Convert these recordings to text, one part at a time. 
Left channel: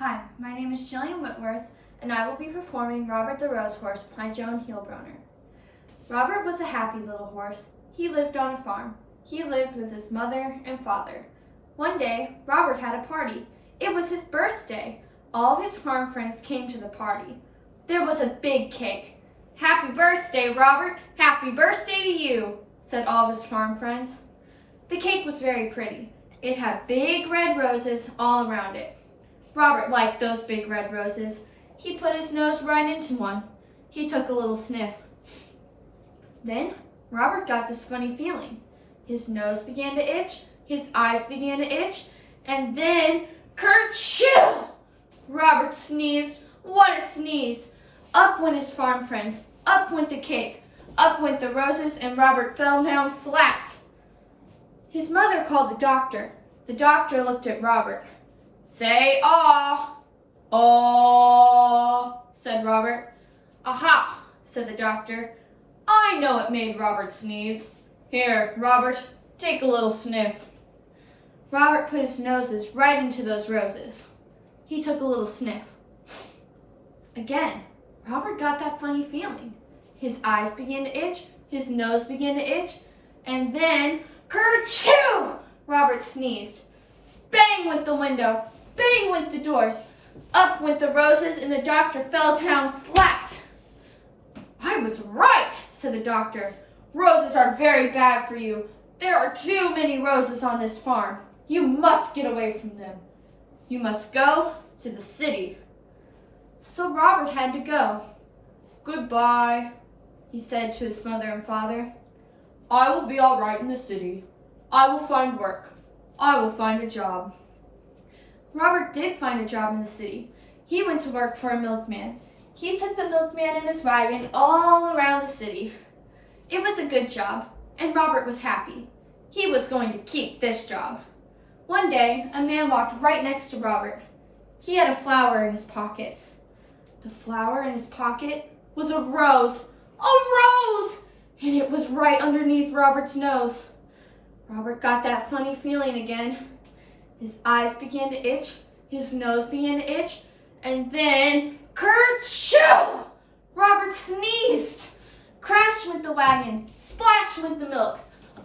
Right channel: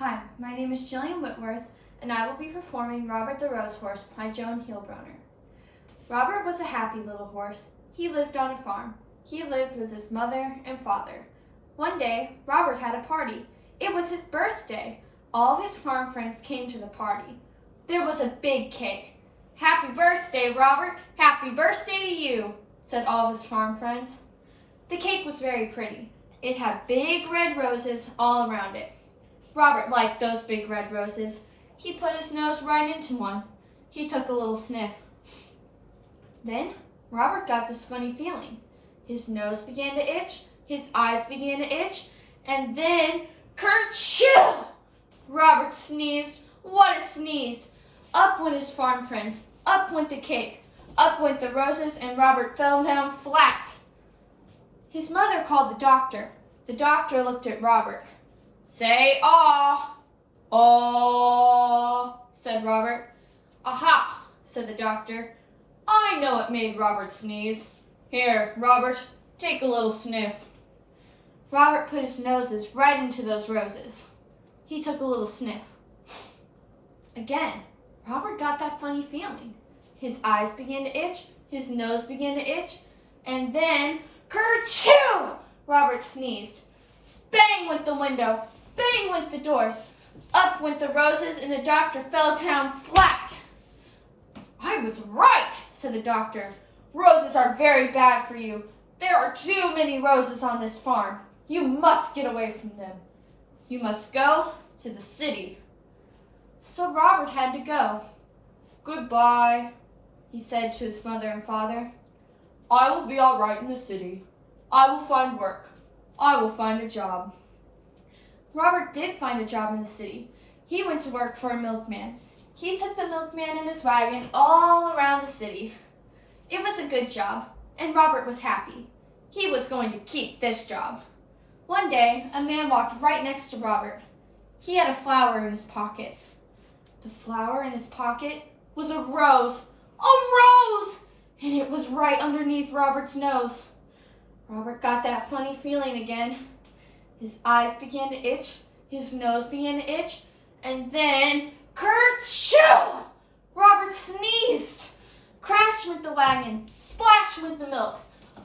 Hi, my name is Jyllian Whitworth, and I will be performing Robert the Rose Horse by Joan Hielbroner. Robert was a happy little horse. He lived on a farm. He lived with his mother and father. One day, Robert had a party. It was his birthday. All of his farm friends came to the party. There was a big cake. "Happy birthday, Robert! Happy birthday to you!" said all of his farm friends. The cake was very pretty. It had big red roses all around it. Robert liked those big red roses. He put his nose right into one. He took a little sniff. Then Robert got this funny feeling. His nose began to itch, his eyes began to itch, and then kerchoo! Robert sneezed. What a sneeze! Up went his farm friends, up went the cake, up went the roses, and Robert fell down flat. His mother called the doctor. The doctor looked at Robert. "Say aw." "Aw," said Robert. "Aha," said the doctor. "I know it made Robert sneeze. Here, Robert, take a little sniff." Robert put his noses right into those roses. He took a little sniff. Again, Robert got that funny feeling. His eyes began to itch, his nose began to itch, and then kerchoo! Robert sneezed. Bang went the window, bang went the doors, up went the roses, and the doctor fell down flat. "I was right," said the doctor. "Roses are very bad for you. There are too many roses on this farm. You must get away from them. You must go to the city." So Robert had to go. "Goodbye," he said to his mother and father. "I will be all right in the city. I will find work. I will find a job." Robert did find a job in the city. He went to work for a milkman. He took the milkman in his wagon all around the city. It was a good job, and Robert was happy. He was going to keep this job. One day, a man walked right next to Robert. He had a flower in his pocket. The flower in his pocket was a rose. A rose! And it was right underneath Robert's nose. Robert got that funny feeling again. His eyes began to itch, his nose began to itch, and then kerchoo! Robert sneezed. Crash went the wagon, splash went the milk.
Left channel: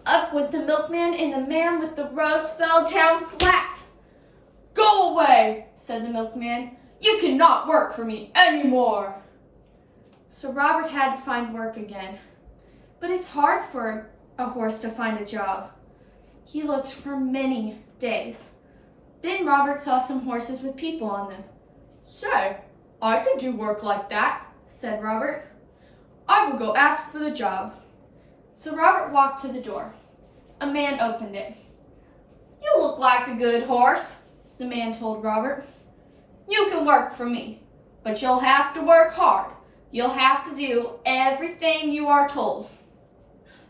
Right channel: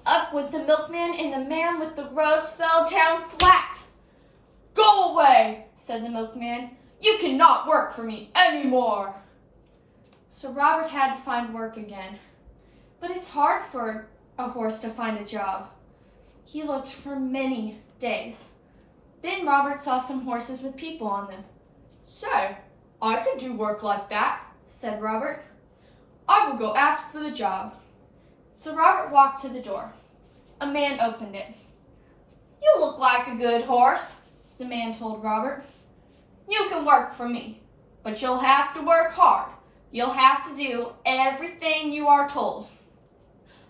Up went the milkman, and the man with the rose fell down flat. "Go away," said the milkman. "You cannot work for me anymore." So Robert had to find work again. But it's hard for a horse to find a job. He looked for many days. Then Robert saw some horses with people on them. "Say, I could do work like that," said Robert. "I will go ask for the job." So Robert walked to the door. A man opened it. "You look like a good horse," the man told Robert. "You can work for me, but you'll have to work hard. You'll have to do everything you are told."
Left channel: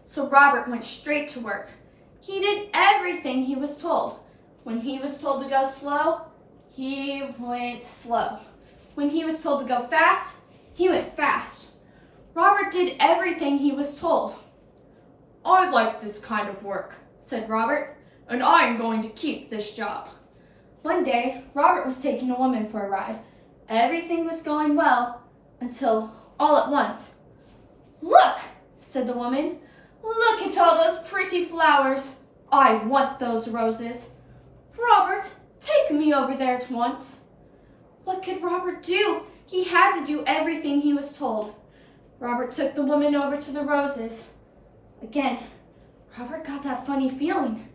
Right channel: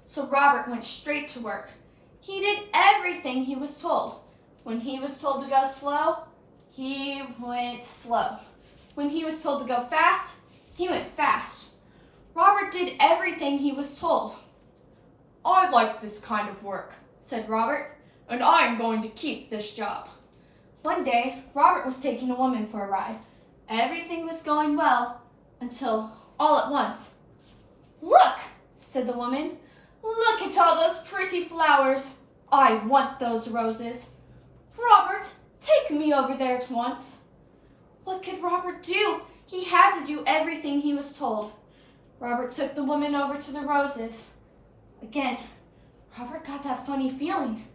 So Robert went straight to work. He did everything he was told. When he was told to go slow, he went slow. When he was told to go fast, he went fast. Robert did everything he was told. "I like this kind of work," said Robert, "and I am going to keep this job." One day, Robert was taking a woman for a ride. Everything was going well until all at once. "Look," said the woman. "Look at all those pretty flowers. I want those roses. Robert, take me over there at once." What could Robert do? He had to do everything he was told. Robert took the woman over to the roses. Again, Robert got that funny feeling.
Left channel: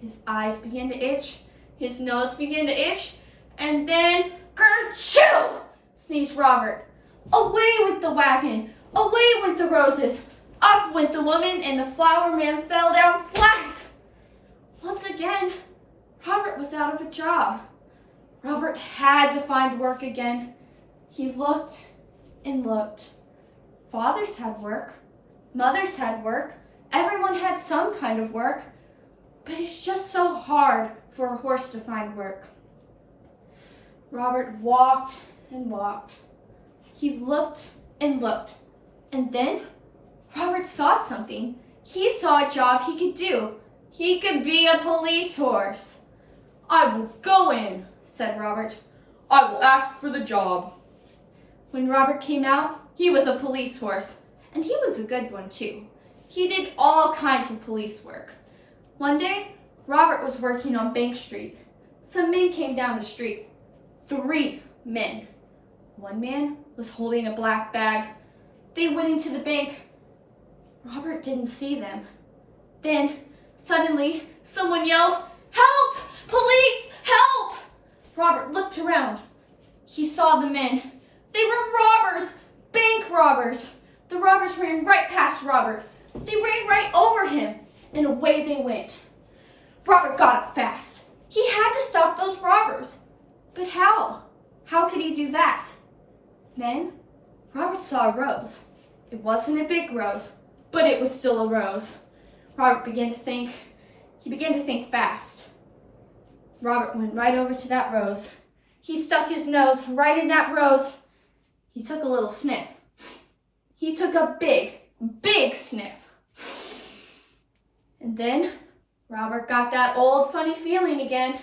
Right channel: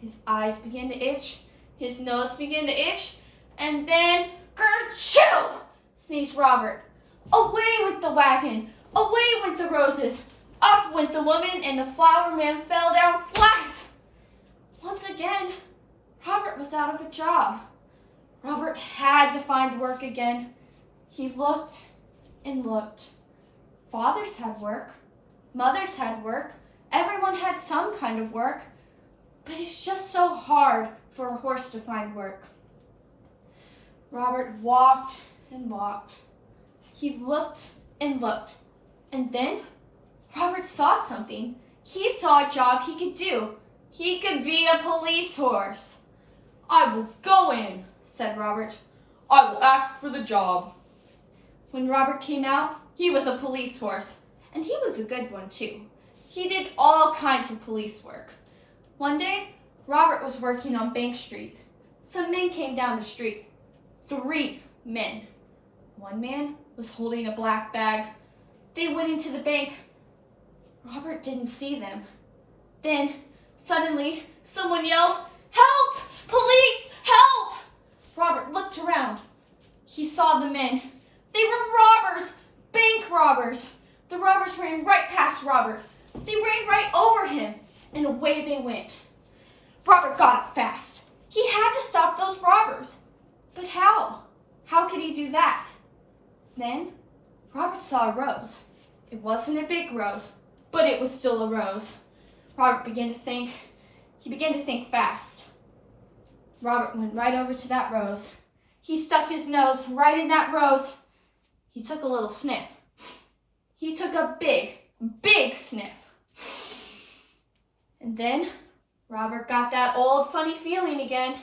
His eyes began to itch, his nose began to itch, and then kerchoo! Sneezed Robert. Away went the wagon, away went the roses, up went the woman, and the flower man fell down flat. Once again, Robert was out of a job. Robert had to find work again. He looked and looked. Fathers had work. Mothers had work. Everyone had some kind of work. But it's just so hard for a horse to find work. Robert walked and walked. He looked and looked. And then Robert saw something. He saw a job he could do. He could be a police horse. "I will go in," said Robert. I will ask for the job. When Robert came out, he was a police horse, and he was a good one too. He did all kinds of police work. One day, Robert was working on Bank Street. Some men came down the street. 3 men. One man was holding a black bag. They went into the bank. Robert didn't see them. Then, suddenly, someone yelled, "Help! Police! Help!" Robert looked around. He saw the men. They were robbers! Bank robbers! The robbers ran right past Robert. They ran right over him, and away they went. Robert got up fast. He had to stop those robbers. But how? How could he do that? Then, Robert saw a rose. It wasn't a big rose, but it was still a rose. Robert began to think. He began to think fast. Robert went right over to that rose. He stuck his nose right in that rose. He took a little sniff. He took a big, big sniff. And then Robert got that old funny feeling again.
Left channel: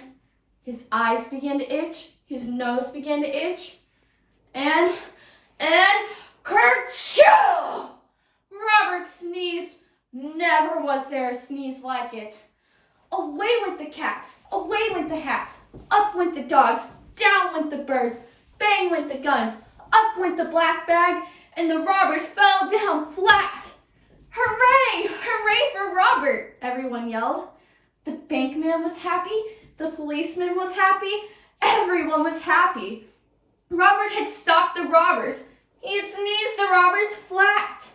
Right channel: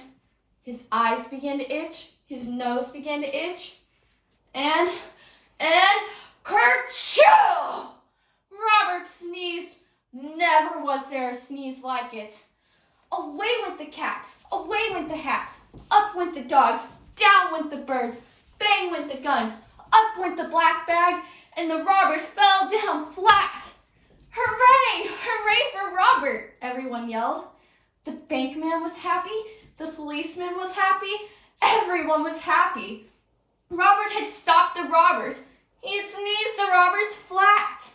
His eyes began to itch. His nose began to itch. And kerchoo! Robert sneezed. Never was there a sneeze like it. Away went the cats. Away went the hats. Up went the dogs. Down went the birds. Bang went the guns. Up went the black bag. And the robbers fell down flat. Hooray! Hooray for Robert! Everyone yelled. The bankman was happy. The policeman was happy. Everyone was happy. Robert had stopped the robbers. He had sneezed the robbers flat.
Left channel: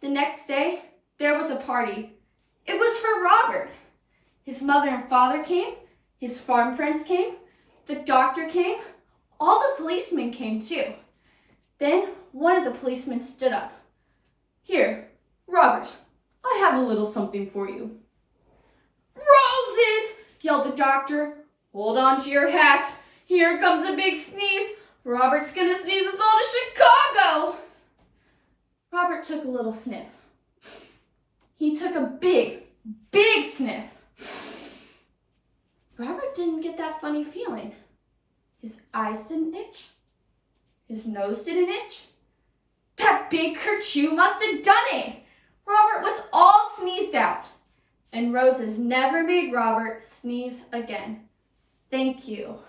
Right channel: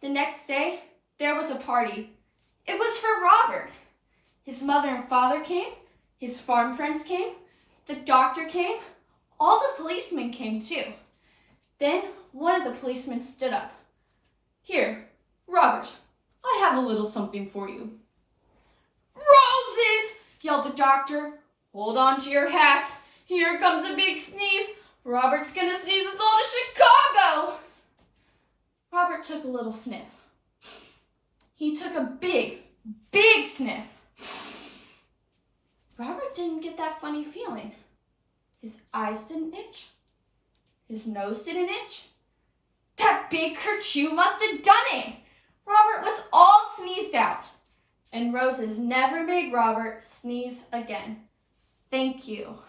The next day, there was a party. It was for Robert. His mother and father came. His farm friends came. The doctor came. All the policemen came too. Then one of the policemen stood up. "Here, Robert, I have a little something for you." "Roses!" yelled the doctor. "Hold on to your hats. Here comes a big sneeze. Robert's gonna sneeze us all to Chicago." Robert took a little sniff. He took a big, big sniff. Robert didn't get that funny feeling. His eyes didn't itch. His nose didn't itch. That big kerchoo must have done it. Robert was all sneezed out. And roses never made Robert sneeze again. Thank you.